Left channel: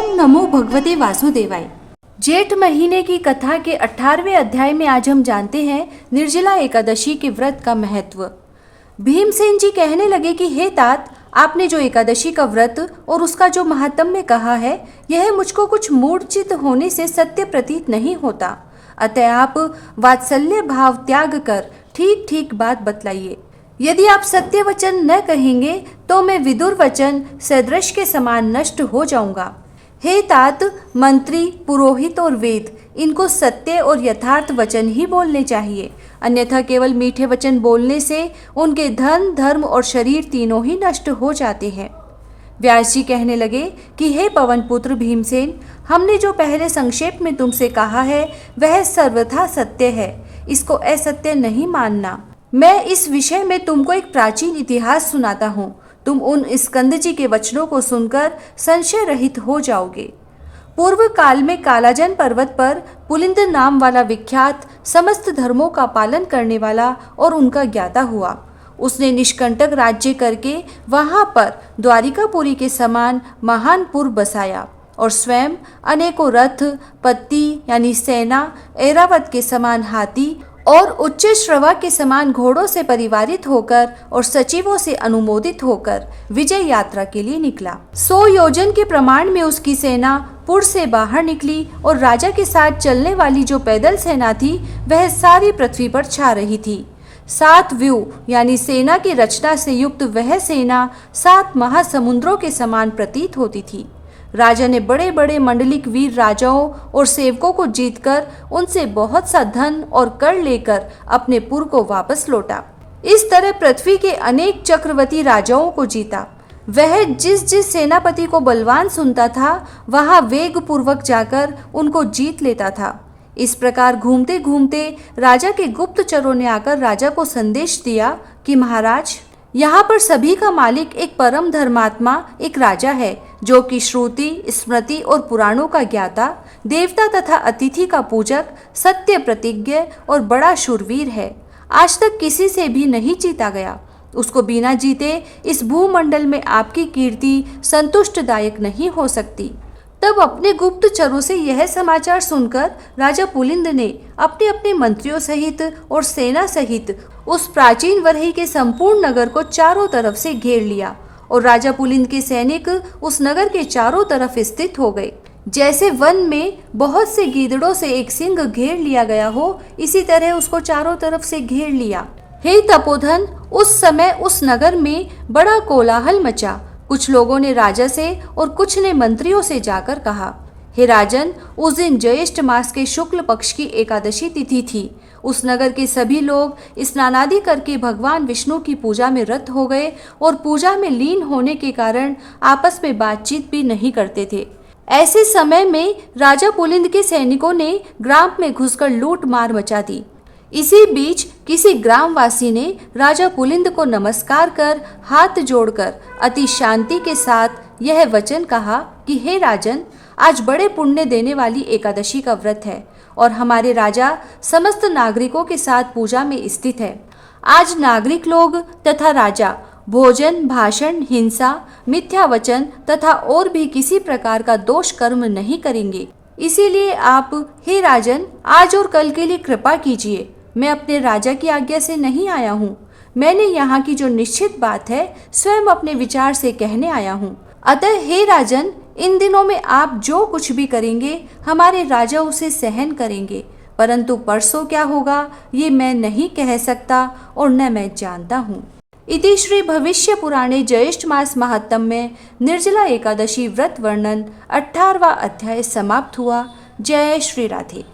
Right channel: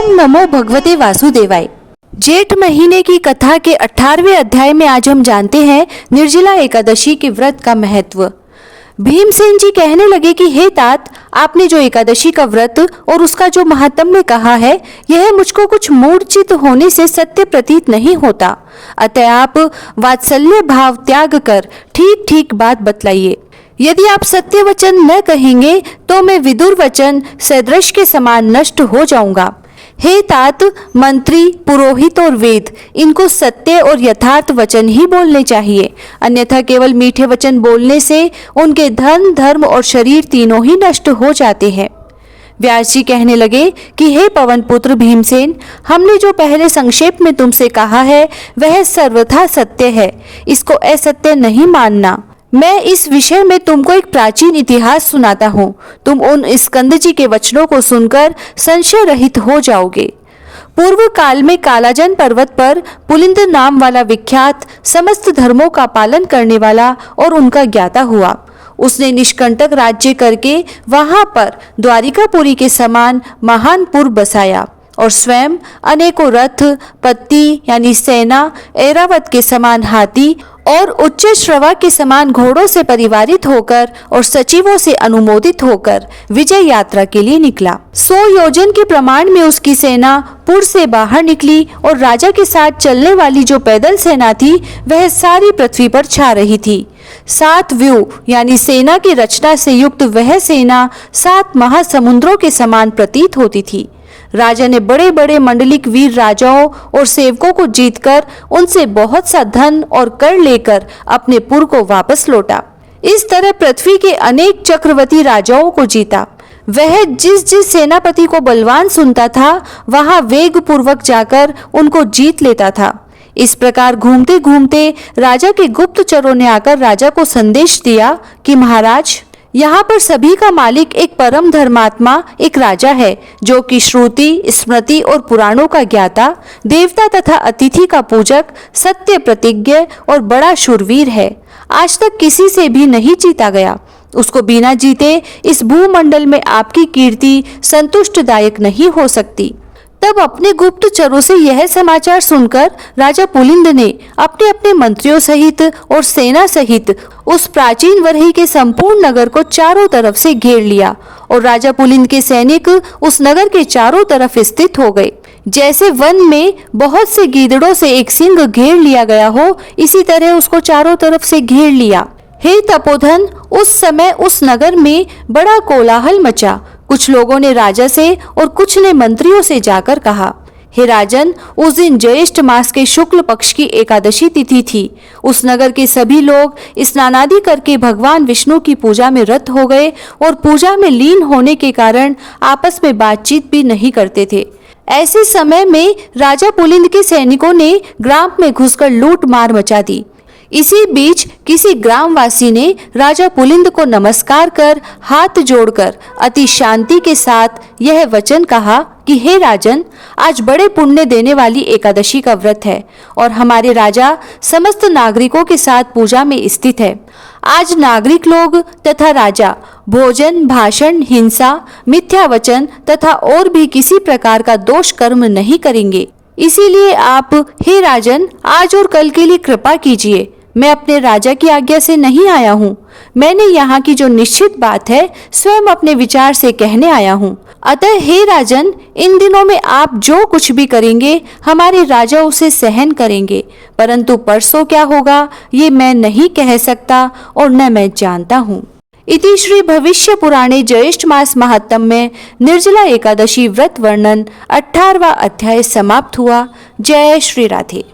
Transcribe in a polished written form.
ओम नमो भगवते वासुदेवाय। जेठ महीने की कथा के 18वें अध्याय में आज हम जानते हैं निर्जला एकादशी के व्रत का महत्व। भीमसेन जी कहने लगे कि हे तात, आपने जो एकादशी का व्रत और उसका जो महात्म्य कहा है, यह मुझको कुछ मूर्छित होने से सत्य प्रतीत नहीं होता। अतः आप वात्सल्य भाव त्याग कर ठीक ठीक बात बतलाइए। यदि आप सत्य वचन न कहेंगे तो मैं विदुर वचन सदृश के समान नष्ट हो जाऊंगा। हे तात, मंत्री, पुरोहित और वेद, इनको सत्य और यथार्थ वचन ही बोलने चाहिए, अन्यथा केवल मीठे वचन बोलने से उनके धन, धर्म और शरीर तीनों ही नष्ट हो जाते हैं। व्यास जी कहने लगे कि हे पवन पुत्र भीमसेन, हमने जो पहले संक्षेप में तुमसे कहा है वह सर्वथा सत्य है, इसको असत्य नहीं मानना। मैं इस विषय में तुमको एक प्राचीन इतिहास सुनाता हूँ, तुम उन स्कंद जी के वचनों को सुनकर संशय रहित हो जाओगे। पूर्व काल में कालाजन पर्वत पर पुलिंद नाम वाला विख्यात समस्त धर्मों का पालन करने वाला और उनका ज्ञाता हुआ। उसने निष्कंटक राज्य करके वहां पर द्वारिकापुरी के समान महान पुर बसाया और स्वयं अनेकों रथ, पत्ती यानी सेना, ऐरावत के समान हाथी और उच्च श्रवा के समान घोड़ों से परिवारित होकर और सचिवों से अनुमोदित होकर विजय यात्रा के लिए निकला। 100 योजन के प्रमाण में उसकी सेना पुर से बाहर निकली और राजा के साथ चलने वाली जो पैदल सेना थी वह सारी पृथ्वी पर छा रही थी। 7 व्यूह यानी सेना की रचना से युक्त वह सेना 7 महासमुद्रों के समान प्रतीत होती थी। राजा ने बड़े बड़े मंडलिक वीर राजाओं और सेवकों को जीतकर उनसे बहुत सा धन और कर लेकर अपने पुर को वापस लौटा। इस तरह पृथ्वी के अनेक चक्रवर्ती राजाओं को जीता। वह जिस जिस सेनापति को बलवान सुनता था वहां वेग पूर्वक जाकर उनको जीत लेता था। इस प्रकार घूमते घूमते राजा के गुप्तचरों ने आकर राजा को संदेश दिया कि महाराज, यहाँ पर सभी का मालिक एक परम धर्मात्मा एक राजा है, जो कि श्रुति, स्मृति और पुराणों का ज्ञाता, देवता तथा अतिथि का पूजक, सत्य प्रतिज्ञ और बड़ा शूरवीर है। आज तक किसी से भी नहीं जीता गया। उसको बिना जीते इस भूमंडल में आपकी कीर्ति संतुष्टदायक नहीं हो सकती। तब अपने गुप्तचरों से यह समाचार सुनकर राजा पुलिंद ने अपने अपने मंत्रियों सहित और सेना सहित उस प्राचीन वरही के संपूर्ण नगर को चारों तरफ से घेर लिया और राजा पुलिंद के सैनिक उस नगर के चारों तरफ स्थित हो गए। जैसे वन में बहुत से गीदड़ों से एक सिंह घेर लिया गया हो, इसी तरह उसको चारों तरफ से घेर लिया। हे तपोधन, उस समय उस नगर में बड़ा कोलाहल मचा। कुछ लोगों ने राजा से और कुछ ने मंत्रियों से जाकर कहा, हे राजन, उस दिन ज्येष्ठ मास के शुक्ल पक्ष की एकादशी तिथि थी। उस नगर के सभी लोग स्नानादि करके भगवान विष्णु की पूजा में रत हो गए और पूजा में लीन होने के कारण आपस में बातचीत भी नहीं करते थे। ऐसे समय में राजा पुलिंद के सैनिकों ने ग्राम में घुसकर लूट मार मचा दी। इसी बीच किसी ग्रामवासी ने राजा पुलिंद को नमस्कार कर हाथ जोड़कर अति शांति के साथ यह वचन कहा कि हे राजन, आज बड़े पुण्य देने वाली एकादशी का व्रत है और हमारे राजा समस्त नागरिकों के साथ पूजा में स्थित है। आज नागरिक लोग तथा राजा भोजन, भाषण, हिंसा, मिथ्या वचन तथा और भी किसी प्रकार का दोष कर्म नहीं करेंगे। इसीलिए आप, हे राजन, आज और कल के लिए कृपा कीजिए। मैं अपने राजा की आज्ञा से नहीं आया हूँ। मैंने यहाँ की जो निश्चित बात है स्वयं अपने विचार से कहने आया हूँ। अतः हे राजन, इन दिनों में आप जो कुछ भी करेंगे हमारे राजा उसे सहन करेंगे, परंतु परसों क्या होगा ये मैं नहीं कह सकता और न मैं जानता हूँ। इति श्री भविष्य पुराणे ज्येष्ठ मास महात्म्य निर्जला एकादशी व्रत वर्णन 18वां अध्याय समाप्त हुआ। जय श्री राधे।